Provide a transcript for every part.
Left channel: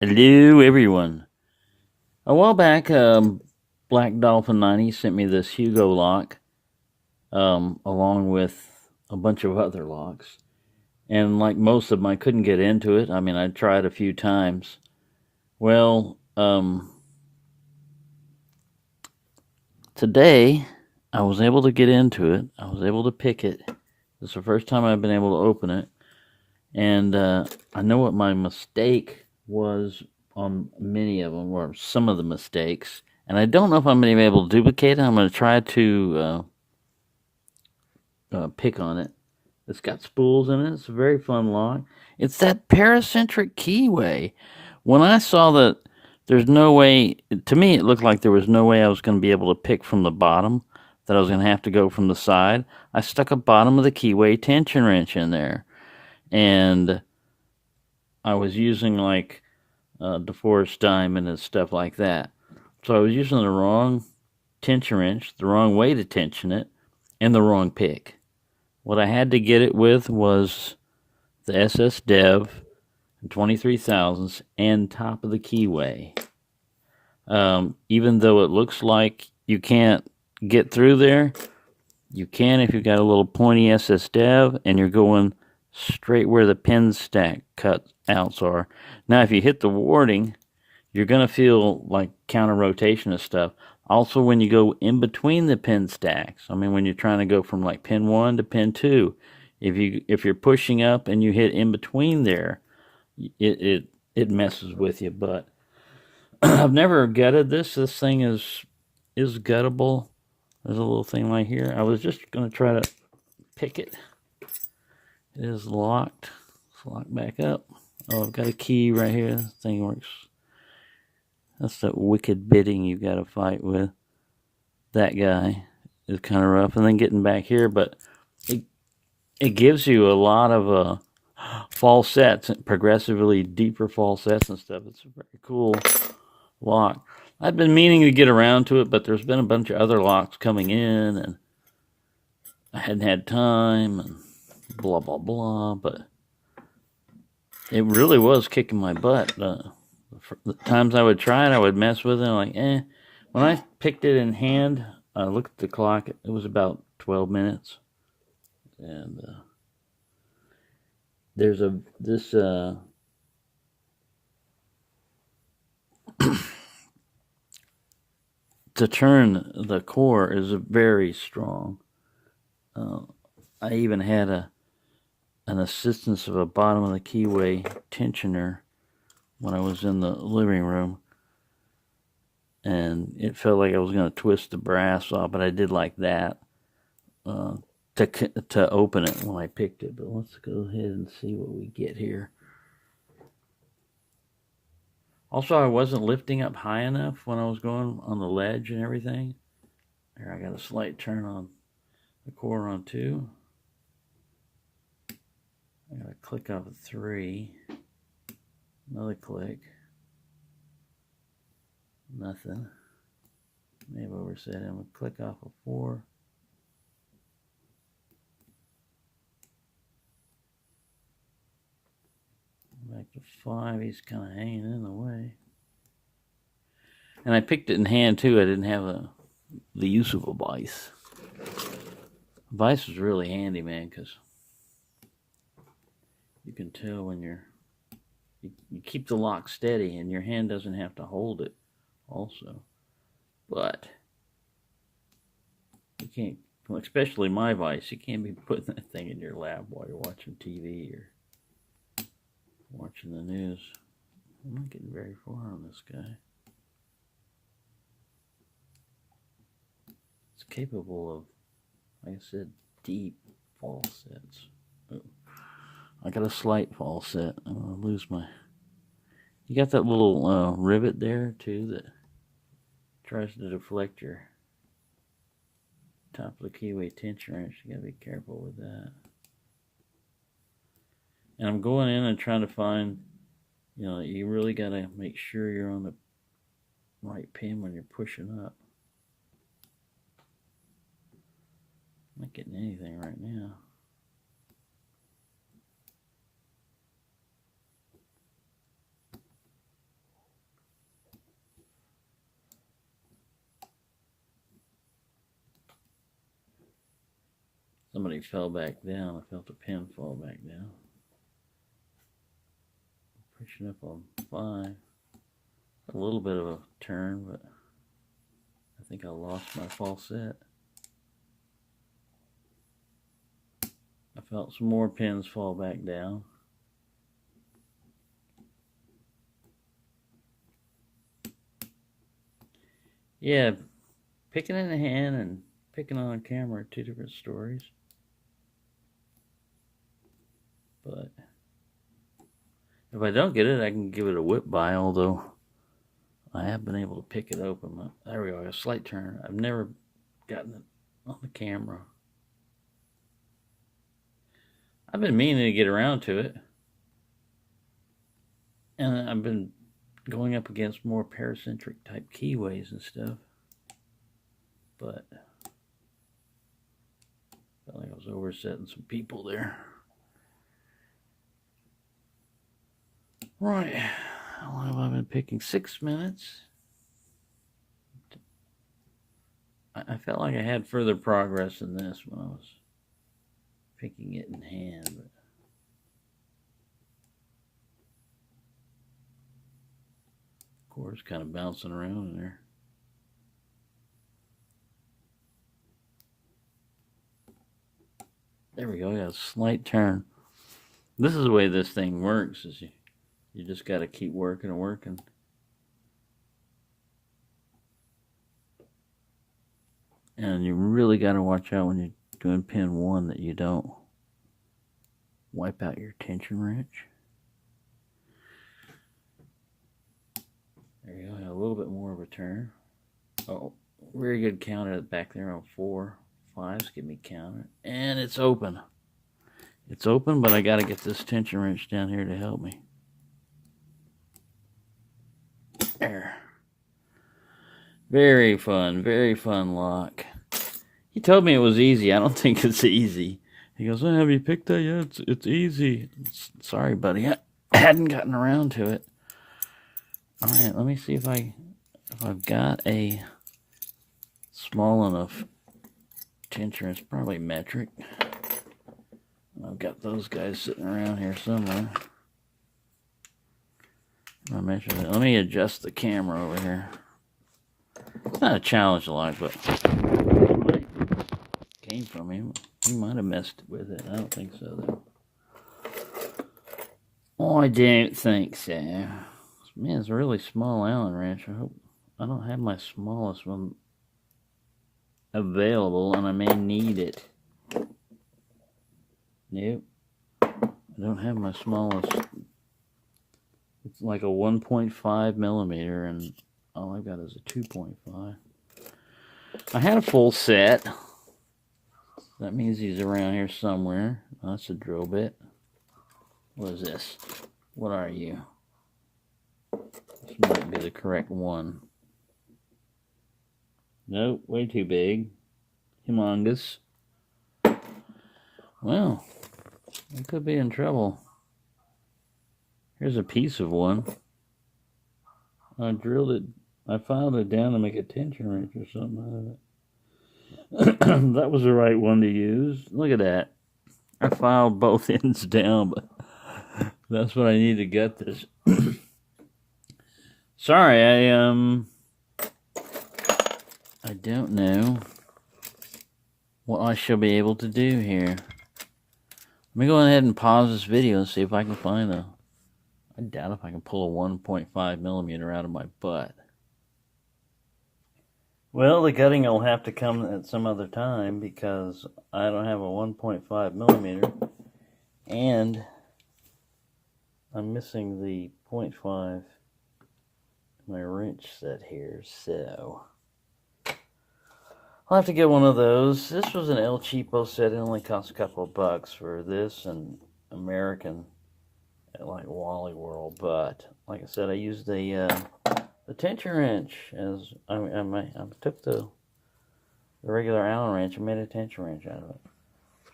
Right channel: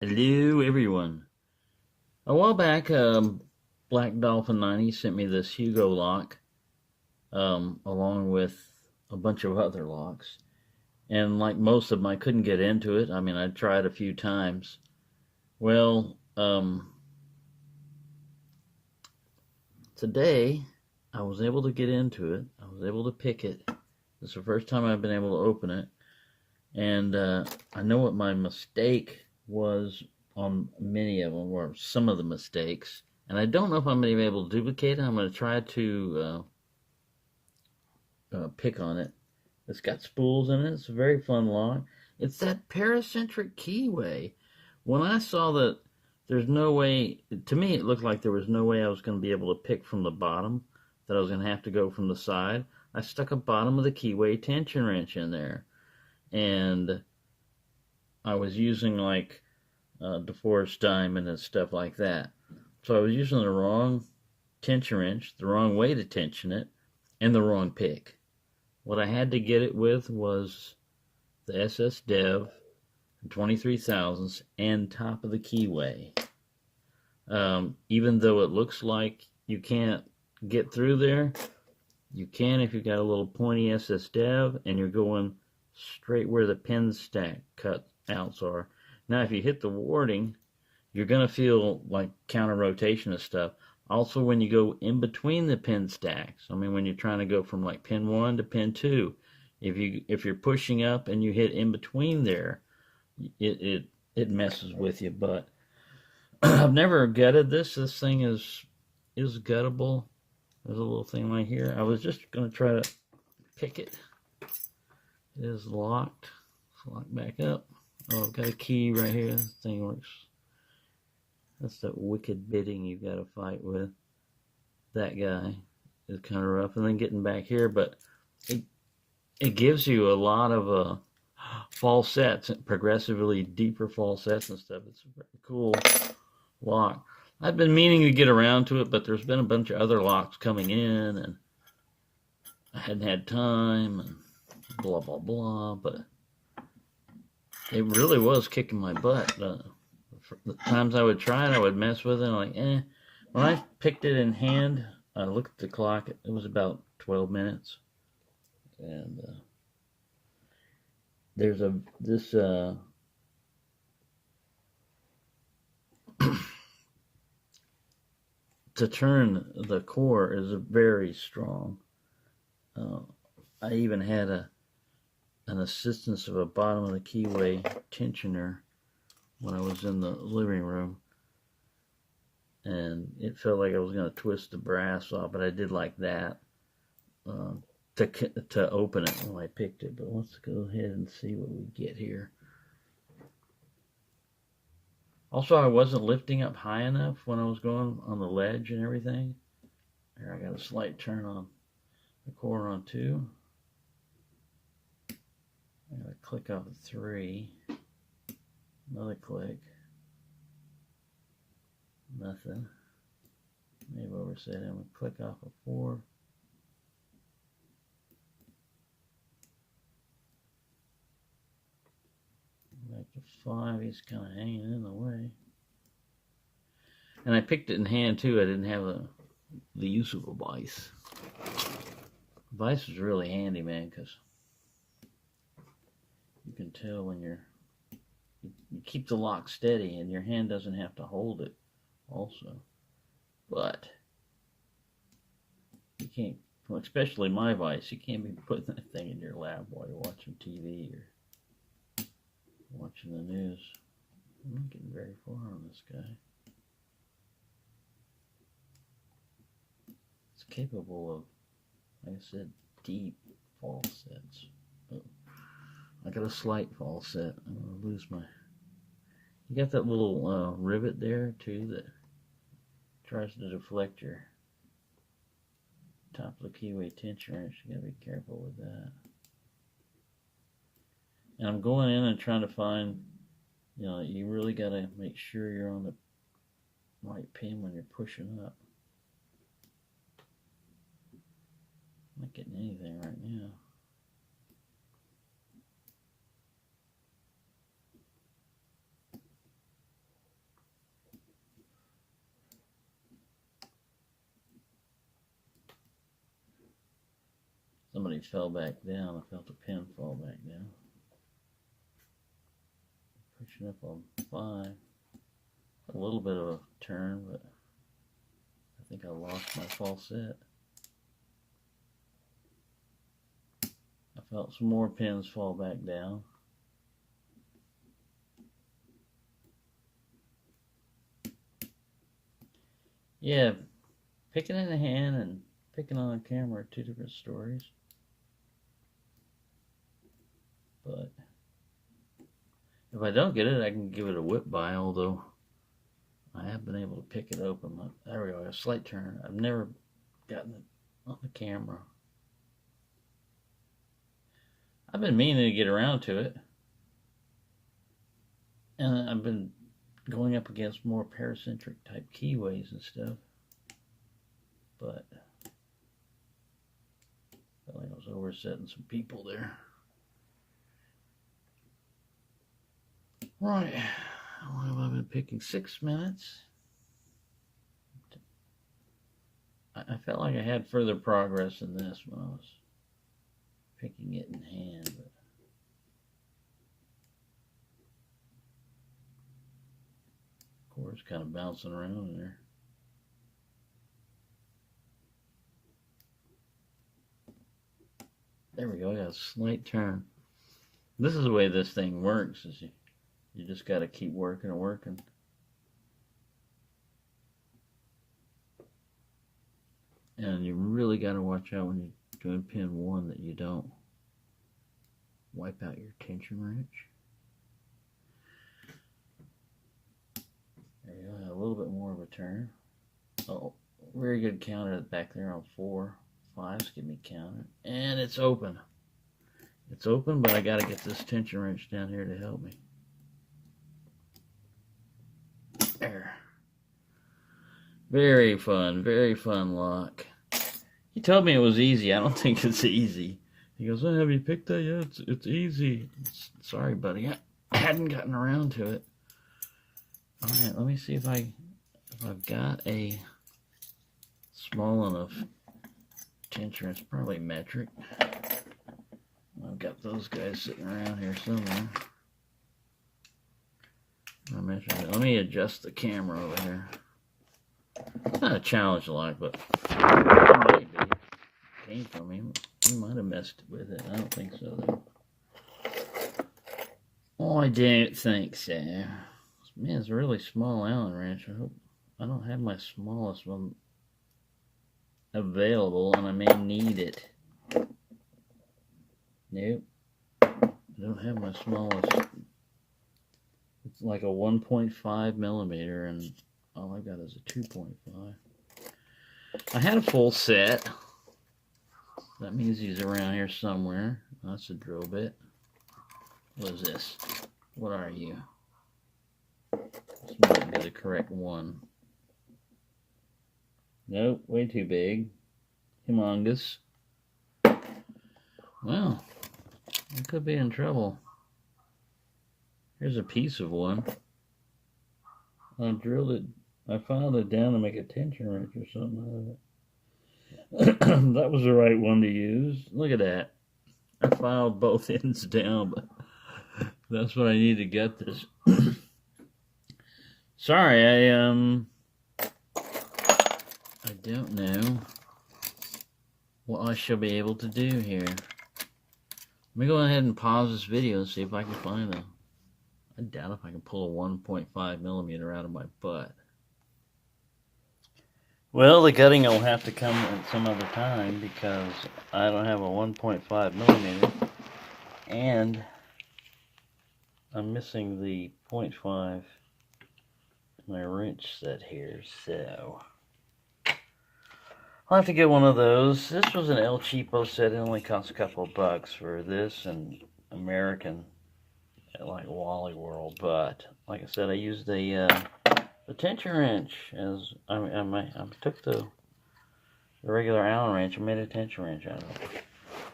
Hello, everyone. A while back, Black Dolphin 90 sent me this Hugo lock, along with a bunch of other locks. And like most of them, I couldn't get into it. I mean, I tried a few times. Well, today I was able to get into it. I was able to pick it. It's the first time I've been able to open it. And I know what my mistake was on many of them, or some of the mistakes. And I don't know if I'm going to be able to duplicate it. I'm going to try to pick on it. It's got spools in it. It's a very fun lock. It's that paracentric keyway. When I saw that there's no way, to me, it looked like there was no way I was going to be able to pick from the bottom, that I was going to have to go from the side. I stuck a bottom of the keyway tension wrench in there. And I was using like DeForest diamond and stuff like that. So I was using the wrong tension wrench, the wrong way to tension it, and the wrong pick. What I had to get it with was the SS Dev 23,000s and top of the keyway. Even though it looks like you can't get through there, you can if you've got a little pointy SS Dev and you're going straight where the pin stack cutouts are. Now, if you hit the warding, you're going to feel like counter rotation and stuff. Also, when you go in between the pin stacks, I mean, when you're trying to go from like pin 1 to pin 2, if you're pushing up and you hit in between there, it messes with you. But I've never gutted this. This thing is guttable. There's a little thing right here. I was just going to try to pick it. It is locked. Let's lock back up. Oh, I've got a key right here. This thing works. That's that wicked bidding you got to fight with. That guy is kind of rough. And then getting back here, but it gives you a lot of falsets, progressively deeper falsets and stuff. It's a very cool lock. I've been meaning to get around to it, but there's been a bunch of other locks coming in, and I hadn't had time, and blah, blah, blah. But it really was kicking my butt. The times I would try it, I would mess with it. Like, eh. When I picked it in hand, I looked at the clock. It was about 12 minutes. And there's this to turn the core is very strong. Uh, I even had an assistance of a bottom of the keyway tensioner when I was in the living room, and it felt like I was going to twist the brass off, but I did like that uh, to open it when I picked it. But let's go ahead and see what we get here. Also, I wasn't lifting up high enough when I was going on the ledge and everything. Here, I got a slight turn on the core on 2. I got to click off of 3. Another click. Nothing. Maybe overset it. I'm going to click off of 4. Back to 5. He's kind of hanging in the way. And I picked it in hand too. I didn't have the use of a vise. Vise was really handy, man, because you can tell when you keep the lock steady and your hand doesn't have to hold it also. But you can't, especially my vise, you can't be putting that thing in your lap while you're watching TV or watching the news. I'm not getting very far on this guy. It's capable of, like I said, deep falsets. Oh, I got a slight falset. I'm going to lose my... You got that little rivet there, too, that tries to deflect your top of the keyway tension wrench. You got to be careful with that. And I'm going in and trying to find, you really got to make sure you're on the right pin when you're pushing up. I'm not getting anything right now. Somebody fell back down. I felt the pin fall back down. Pushing up on 5. A little bit of a turn, but I think I lost my false set. I felt some more pins fall back down. Yeah, picking in the hand and picking on a camera are 2 different stories. But if I don't get it, I can give it a whip by, although I have been able to pick it open. There we go, a slight turn. I've never gotten it on the camera. I've been meaning to get around to it. And I've been going up against more paracentric type keyways and stuff. But I felt like I was oversetting some people there. Right. How long have I been picking? 6 minutes. I felt like I had further progress than this when I was picking it in hand. But of course, kind of bouncing around in there. There we go. Got a slight turn. This is the way this thing works. Is you just got to keep working and working. And you really got to watch out when you're doing pin 1 that you don't wipe out your tension wrench. There you go, a little bit more of a turn. Oh, very good counter back there on 4. 5's get me counted. And it's open. It's open, but I got to get this tension wrench down here to help me. There. Very fun lock. He told me it was easy. I don't think it's easy. He goes, oh, have you picked that yet? It's easy. Sorry, buddy. I hadn't gotten around to it. All right, let me see if I've got a small enough tension. It's probably metric. I've got those guys sitting around here somewhere. Let me adjust the camera over here. It's not a challenge like, but came from him. He might have messed with it. I don't think so, though. Oh, I don't think so. Man, it's a really small Allen wrench. I hope I don't have my smallest one available, and I may need it. Nope. I don't have my smallest. It's like a 1.5 millimeter, and all I got is a 2.5. I had a full set. That means he's around here somewhere. Oh, that's a drill bit. What is this? What are you? This might be the correct one. Nope, way too big. Humongous. Well, I could be in trouble. Here's a piece of one. I drilled it. I filed it down to make a tension wrench or something out of it. That was the right one to use. Look at that. I filed both ends down, but that's what I need to get this. Sorry, I don't know what I shall be able to do here. Let me go ahead and pause this video and see if I can find a... I doubt if I can pull a 1.5 millimeter out of my butt. Well, the gutting will have to come at some other time because I don't have a 1.5 millimeter and I'm missing the 0.5 in my wrench set here, so I'll have to get one of those. This was an El Cheapo set. It only cost a couple of bucks for this and American at like Wally World, but like I said, I used the tension wrench as I took the regular Allen wrench and made a tension wrench out of it.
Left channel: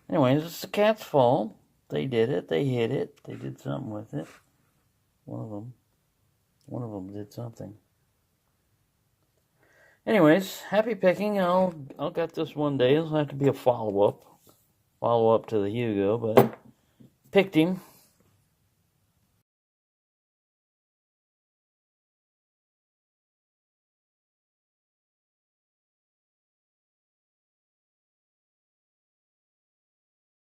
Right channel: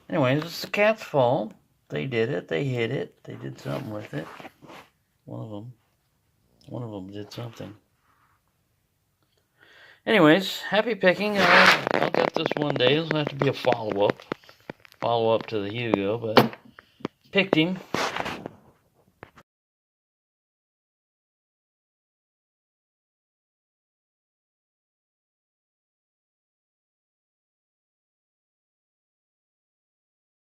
Anyways, it's the cat's fault. They did it. They hit it. They did something with it. One of them did something. Anyways, happy picking. I'll get this one day. It'll have to be a follow-up. follow up to the Hugo, but picked him.